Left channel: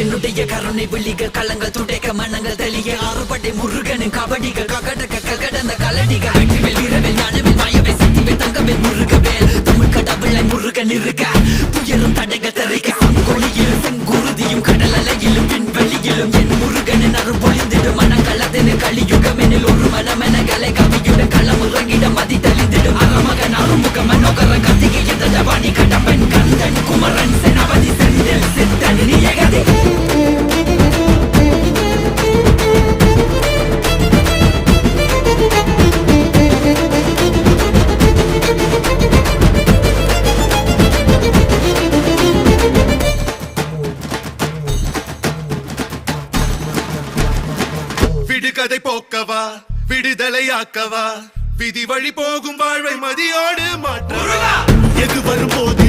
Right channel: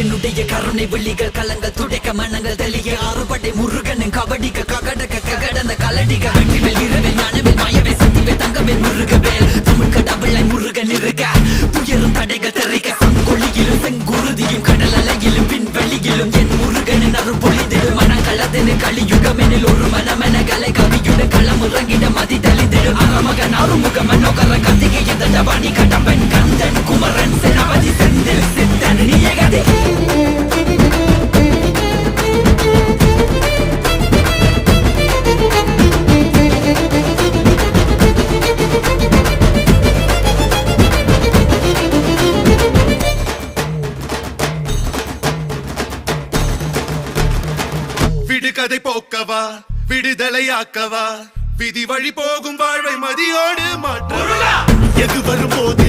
என்னுடைய கருணை விழிகள் கலங்கள் துடைக்க மனங்கள் தெளிய ஆறுபடை முருகனின் கபடிக்க ககடக்க ககடந்த கலடிக்க வெற்றிவேல் வீரவேல் ஞானவேல் மாயவேல் சக்திவேல் தங்கவேல் முருகவேல் தமிழ் கடவுளை முருகன் இருக்க துயரும் தடைகள் தெரிக்க சங்கொழியிலும் செங்குருதியும் கடல் அலையிலும் விண்வெளியிலும் என் முருகனின் அருள் பொழிந்திடும் மனங்களதென கலியுகமெனில் ஒரு மனமென கலை கவியுடன் களம் இறங்கிட மதி தெளிந்திடும் அறமகன் அருமுக மனோகர கத்திகை எந்த ஜபானி கடம்பன் கந்தன் குமரன் செனபதி செந்தில் சித்தன் நீயகதி விடுகதை போக்கவா விடுதலையாக்கவா விதி வழி போகும் வாழ்வை மதியோடு மாற்றவா எது வரும்போது